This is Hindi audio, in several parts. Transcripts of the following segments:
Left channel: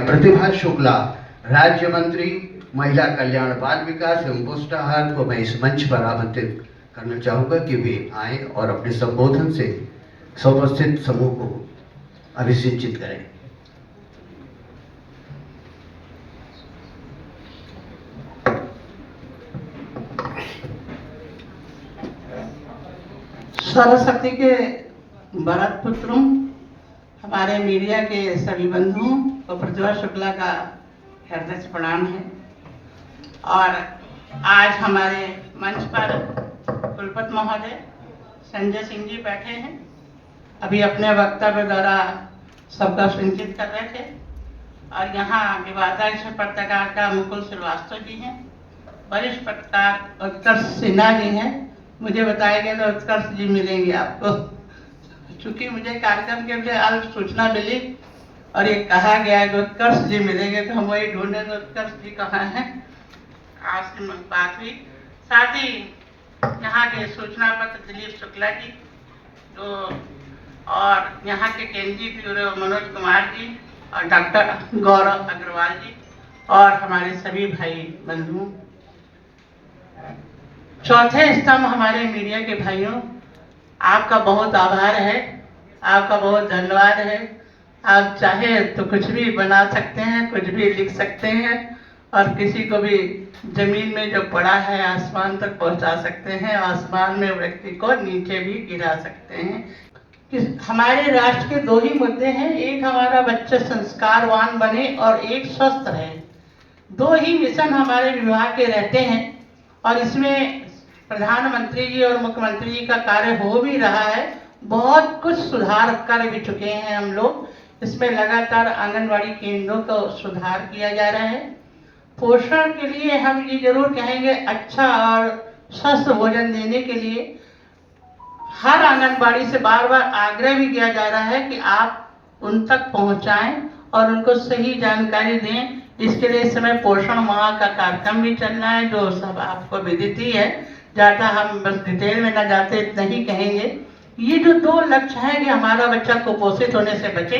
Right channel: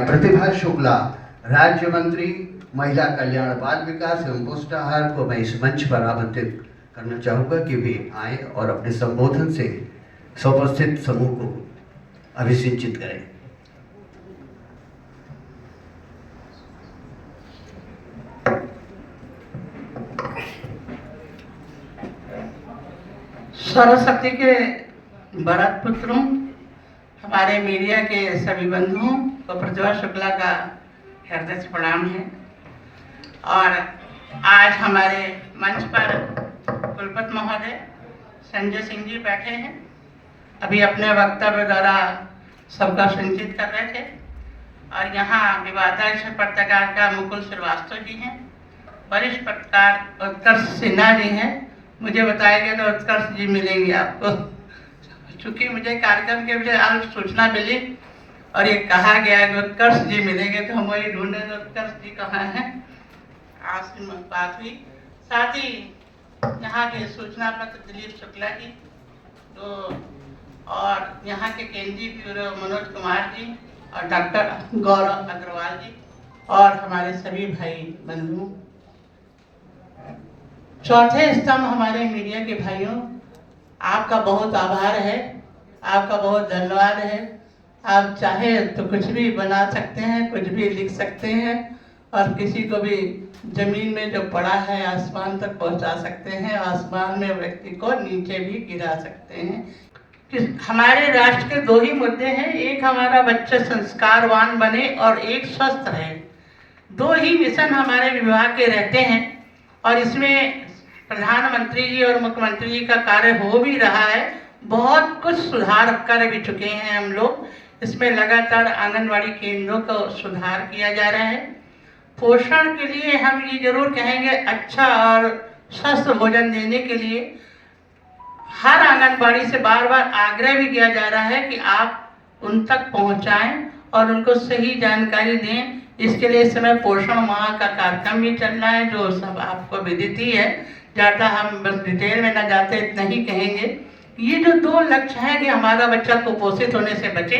प्रतिभा शुक्ला, राज्य मंत्री महिला कल्याण बाल विकास एवं पुष्टाहार को मैं इस मंच पर आमंत्रित करना चाहूँगा कि वे आए और अपने संबोधन से उपस्थित समूह को अभिसिंचित करें। सरस्वती के भरत पुत्रों, हमारे मीडिया के सभी बंधुओं को प्रतिभा शुक्ला का हृदय से प्रणाम है। और आज हमारे मंच पर कुलपति महोदय संजय सिंह जी बैठे हैं। अभी अपने वक्तव्य द्वारा सबका संचित कर रहे थे। और यहाँ विवादास्पद पत्रकारिता मुकुल श्रीवास्तव जी हैं, वरिष्ठ पत्रकार उत्कर्ष सिन्हा जी हैं। मुझे बताया गया तो उत्कर्ष जी मिलेंगे आपको, चूँकि मुझे कार्यक्रम के मुझे अल्प सूचना मिली और ये कहा गया है कि उत्कर्ष जी मिलेंगे, तो हम वही ढूंढे तो उत्कर्ष जी कहाँ हैं। आज से बात हुई। साथ ही यहाँ के सूचना पत्र दिलीप शुक्ला जी तो, और यहाँ के केंद्रीय ब्यूरो मनोज कुमार जी और डॉक्टर गौरव अग्रवाल जी और हमारे सभी भाई बंधु। चौथे स्तंभ हमारे मीडिया के भाइयों, आपका बहुत आभार है, आपका बहुत धन्यवाद है। आप चाहे तो कुछ भी बना सकते हैं, कुछ भी लिख सकते हैं और किसी को भी जमीन में जो पड़ा है आसमान तक पहुंचा सकते हैं, आसमान में व्यक्ति को नीचे भी गिरा सकते हैं। कि हमारे राष्ट्र के दो ही मुद्दे हैं, एक हमारा बच्चा संस्कारवान बने और एक स्वस्थ रहे। दो ही मिशन हमारे विभाग के रहते हैं और इसमें प्रधानमंत्री जी और मुख्यमंत्री जी का कार्य हो भी रहा है। बहुत कुछ सुधार कर भी चुके हैं हम लोग। इसमें लगातार आंगनवाड़ी केंद्रों को सुधार किया जा रहा है। पोषण के लिए हम ये जरूर कहेंगे, अच्छा और स्वस्थ भोजन देने के लिए हर आंगनबाड़ी से बार बार आग्रह भी किया जा रहा है कि आप उन तक पहुंचाएं और उनको सही जानकारी दें। इसके लिए इस समय पोषण माह का कार्यक्रम भी चल रहा है, जो सब आपको विदित ही है। ज़्यादा हम बस डिटेल में ना जाते, इतना ही कहेंगे। ये जो दो लक्ष्य है कि हमारा बच्चा कुपोषित होने से बचे,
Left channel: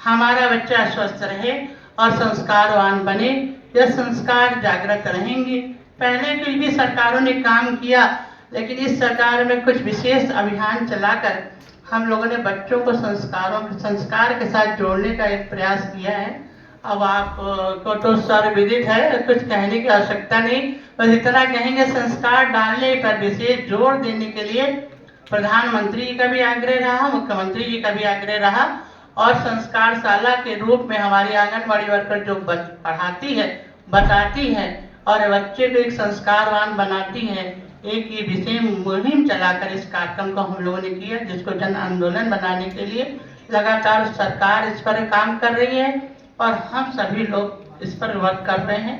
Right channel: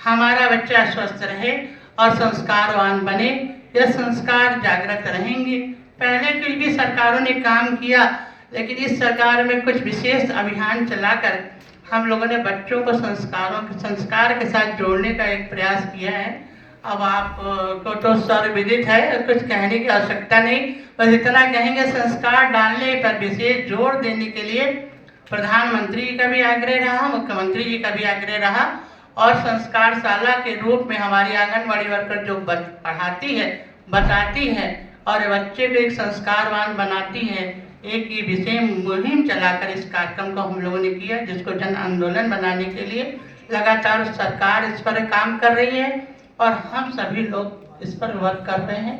हमारा बच्चा स्वस्थ रहे और संस्कारवान बने, यह संस्कार जागृत रहेंगे। पहले की भी सरकारों ने काम किया, लेकिन इस सरकार में कुछ विशेष अभियान चलाकर हम लोगों ने बच्चों को संस्कार के साथ जोड़ने का एक प्रयास किया है। अब आप को तो सर्वविदित है, कुछ कहने की आवश्यकता नहीं, बस इतना कहेंगे संस्कार डालने पर विशेष जोर देने के लिए प्रधानमंत्री जी का भी आग्रह रहा, मुख्यमंत्री जी का भी आग्रह रहा। और संस्कारशाला के रूप में हमारी आंगनवाड़ी वर्कर जो पढ़ाती है, बताती है और बच्चे को एक संस्कारवान बनाती है, एक ये विशेष मुहिम चलाकर इस कार्यक्रम को हम लोगों ने किया, जिसको जन आंदोलन बनाने के लिए लगातार सरकार इस पर काम कर रही है और हम सभी लोग इस पर वर्क कर रहे हैं।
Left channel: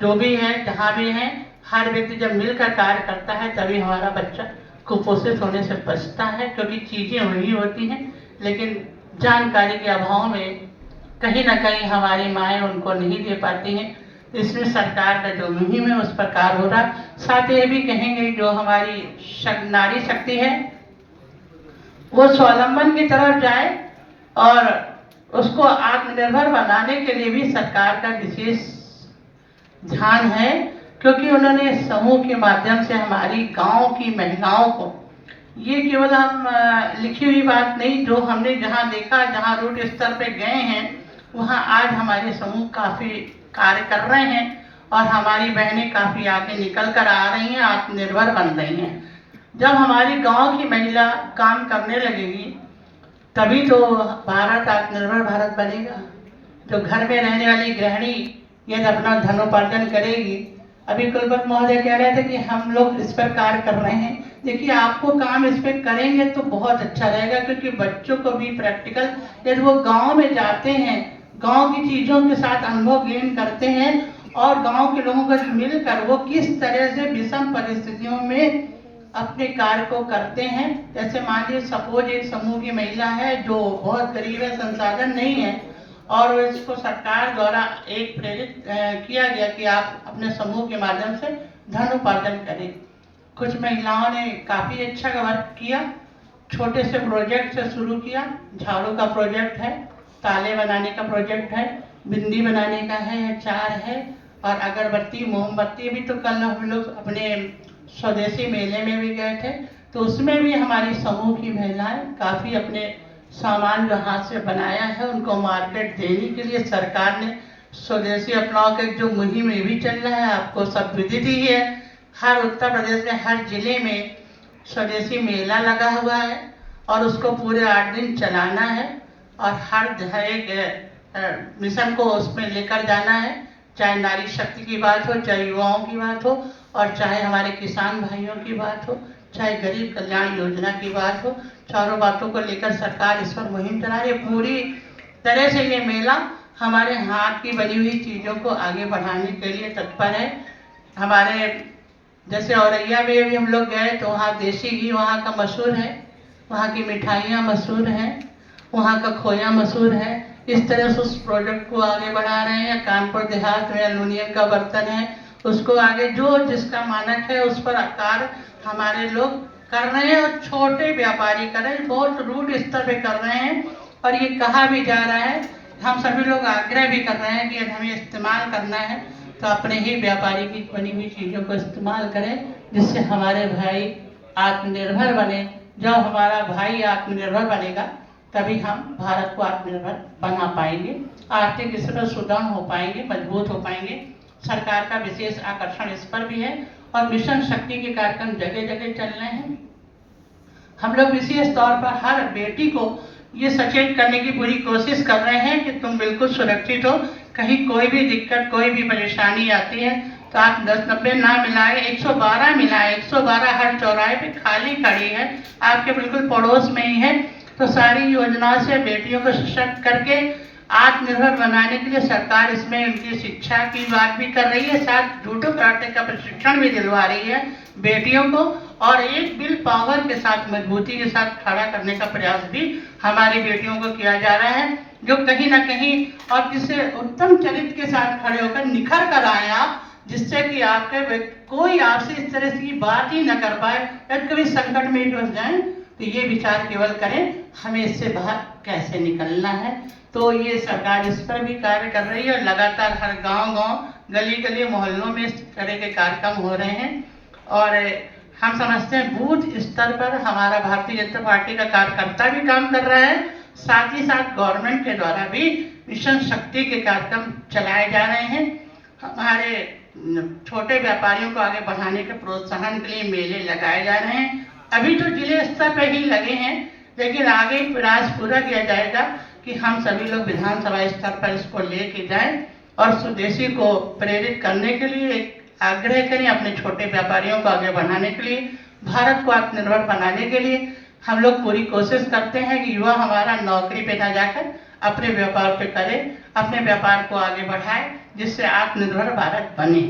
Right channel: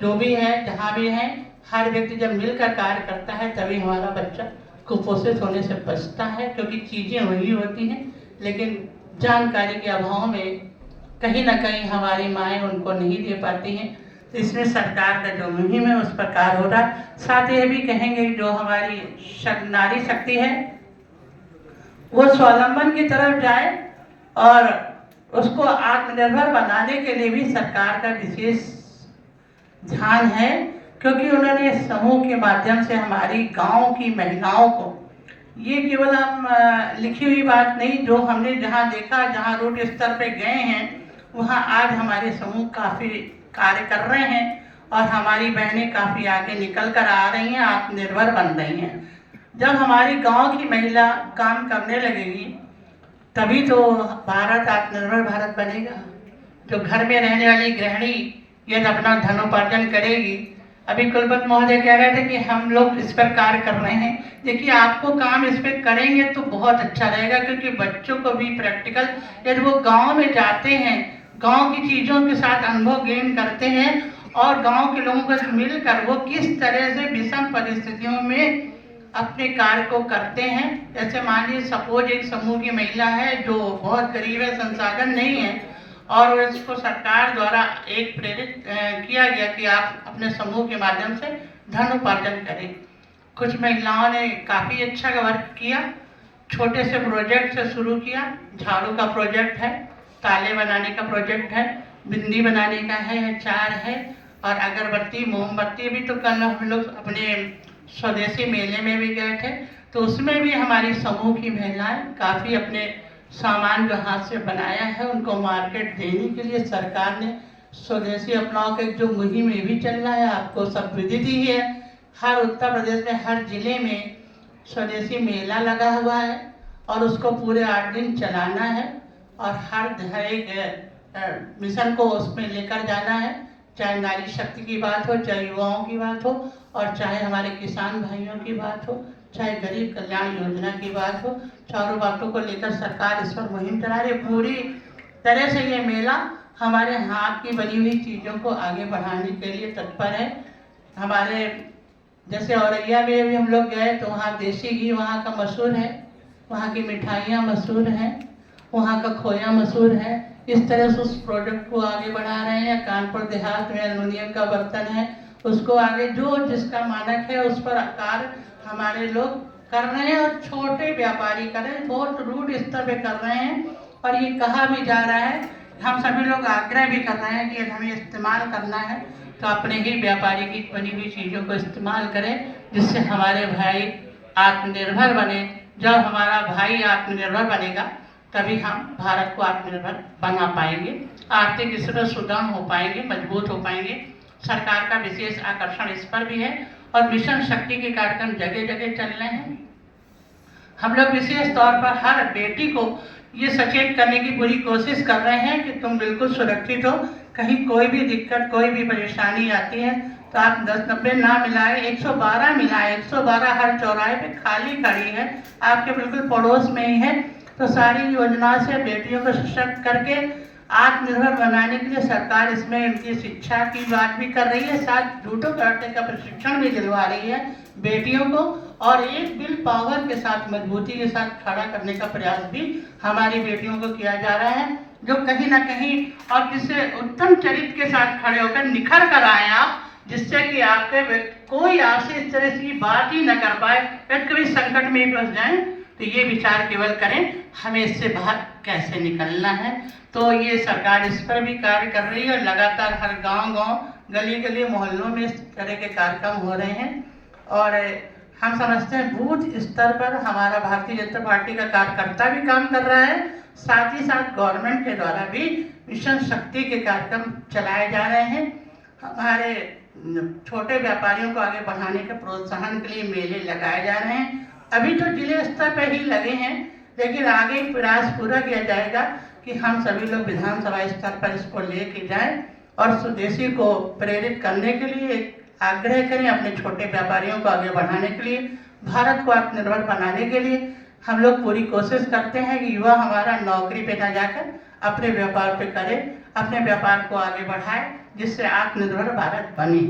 जो भी है, जहाँ भी हैं, हर व्यक्ति जब मिलकर कार्य करता है तभी हमारा बच्चा कुपोषित होने से बचता है, क्योंकि चीज़ें वही होती हैं, लेकिन जानकारी के अभाव में कहीं ना कहीं हमारी माएँ उनको नहीं दे पाती हैं। तो इसमें सरकार का जो मुहिम है उस पर कार्य हो रहा है। साथ ही ये भी कहेंगे जो हमारी नारी शक्ति है वो स्वावलंबन की तरफ जाए और उसको आत्मनिर्भर बनाने के लिए भी सरकार का विशेष ध्यान है, क्योंकि उन्होंने समूह के माध्यम से हमारी गांव की महिलाओं को, ये केवल हम लिखी हुई बात नहीं, जो हमने जहां देखा, जहां रूट स्तर पे गए हैं, वहां आज हमारे समूह काफ़ी कार्य कर रहे हैं और हमारी बहनें काफ़ी आगे निकल कर आ रही हैं, आत्मनिर्भर बन रही हैं। जब हमारी गाँव की महिला काम करने लगेगी तभी तो भारत आत्मनिर्भर भारत बनेगा। जो घर में रहने वाली गृहिणी ये अपना धनोपार्जन करेगी। अभी कुलपति महोदय कह रहे थे कि हम लोग इस पर कार्य कर रहे हैं। देखिए, आपको काम इस पर करेंगे तो बहुत अच्छा रहेगा, क्योंकि बच्चों को भी प्रैक्टिकल, यदि वो गांव में जाते हैं, गांव की चीज़ों के साथ अनुभव गेन करते हैं और गांव के लोगों के साथ मिलकर वो किस तरह से विषम परिस्थितियों में अपने कार्य को करते हैं। जैसे मान लीजिए सपोज एक समूह की महिला है जो बहुत गरीब है, संसाधन नहीं है, और इसको सरकार द्वारा एक प्रेरित किया गया कि आप अपने समूह के माध्यम से धन उपार्जन करें। कुछ महिलाओं ने काफ़ी अच्छा वर्क किया, छोटे से प्रोजेक्ट से शुरू किया। झाड़ू का प्रोजेक्ट है, ताले बनाने का प्रोजेक्ट है, बिंदी बनाने का है, अचार है और अगरबत्ती मोमबत्ती भी। तो कल हम लोग अपने स्वदेशी मेले में भी गए थे, तो उसमें भी हमारी समूह की महिलाएं काफ़ी अपने सामान जो हाथ से बनाया है उनको मार्केट देने के लिए सरकार ने स्वदेशी अपनाओ के जो मुहिम ये भी चल रहा है, आपको सब विदित ही है। हर उत्तर प्रदेश में हर जिले में स्वदेशी मेला लगा हुआ है और उसको पूरे 8 दिन चलाना है और हर एक मिशन को उसमें लेकर जाना है, चाहे नारी शक्ति की बात हो, चाहे युवाओं की बात हो और चाहे हमारे किसान भाइयों की बात हो, चाहे गरीब कल्याण योजना की बात हो। चारों बातों को लेकर सरकार इस पर मुहिम चला रही है। पूरी तरह से ये मेला हमारे हाथ की बनी हुई चीज़ों को आगे बढ़ाने के लिए तत्पर है। हमारे जैसे औरैया में भी हम लोग गए तो वहाँ देसी घी वहाँ का मशहूर है, वहाँ की मिठाइयाँ मशहूर हैं, वहाँ का खोया मशहूर है। इस तरह से उस प्रोडक्ट को आगे बढ़ा रहे हैं। कानपुर देहात में एल्युमिनियम का बर्तन है, उसको आगे जो जिसका मानक है उस पर कार्य हमारे लोग कर रहे हैं और छोटे व्यापारी कर रहे हैं, बहुत रूट स्तर पे कर रहे हैं। और ये कहा भी जा रहा है, हम सभी लोग आग्रह भी कर रहे हैं कि हमें इस्तेमाल करना है तो अपने ही व्यापारी की बनी हुई चीज़ों को इस्तेमाल करें, जिससे हमारे भाई आत्मनिर्भर बने। जब हमारा भाई आत्मनिर्भर बनेगा तभी हम भारत को आत्मनिर्भर बना पाएंगे, आर्थिक स्तर पर सुदृढ़ हो पाएंगे, मजबूत हो पाएंगे। सरकार का विशेष आकर्षण इस पर भी है और मिशन शक्ति के कार्यक्रम जगह जगह चल रहे हैं। हम लोग विशेष तौर पर हर बेटी को ये सचेत करने की पूरी कोशिश कर रहे हैं कि तुम बिल्कुल सुरक्षित हो, कहीं कोई भी दिक्कत कोई भी परेशानी आती है तो आप 1090 ना मिलाए, 112 मिलाए। 112 हर चौराहे पे खाली खड़ी है, आपके बिल्कुल पड़ोस में ही है। तो सारी योजना से बेटियों को सशक्त करके आत्मनिर्भर बनाने के लिए सरकार इसमें उनकी शिक्षा की बात भी कर रही है, साथ जूडो कराटे का प्रशिक्षण भी दिलवा रही है बेटियों को और एक विल पावर के साथ मजबूती के साथ खड़ा करने का प्रयास भी हमारी बेटियों को किया जा रहा है, जो कहीं ना कहीं और जिससे उत्तम चरित्र के साथ खड़े होकर निखर कर आए आप, जिससे कि आपके कोई आपसे इस तरह की बात ही न कर पाए। यदि कभी संकट में भी फंस जाए तो ये विचार केवल करें हमें इससे बाहर कैसे निकलना है। तो ये सरकार इस पर भी कार्य कर रही है। लगातार हर गांव-गांव, गली-गली, मोहल्लों में इस तरह के कार्यक्रम हो रहे हैं और हम समझते हैं बूथ स्तर पर हमारा भारतीय जनता पार्टी का कार्यकर्ता भी काम कर रहा है, साथ ही साथ गवर्नमेंट के द्वारा भी मिशन शक्ति के कार्यक्रम चलाए जा रहे हैं। हमारे छोटे व्यापारियों को आगे बढ़ाने के प्रोत्साहन के लिए मेले लगाए जा रहे हैं। अभी तो जिले स्तर पर ही लगे हैं, लेकिन आगे प्रयास पूरा किया जाएगा कि हम सभी लोग विधानसभा स्तर पर इसको लेके जाएं और स्वदेशी को प्रेरित करने के लिए एक आग्रह करें, अपने छोटे व्यापारियों को आगे बढ़ाने के लिए, भारत को आत्मनिर्भर बनाने के लिए। हम लोग पूरी कोशिश करते हैं कि युवा हमारा नौकरी पे ना जाकर अपने व्यापार पे करे, अपने व्यापार को आगे बढ़ाए, जिससे आत्मनिर्भर भारत बने।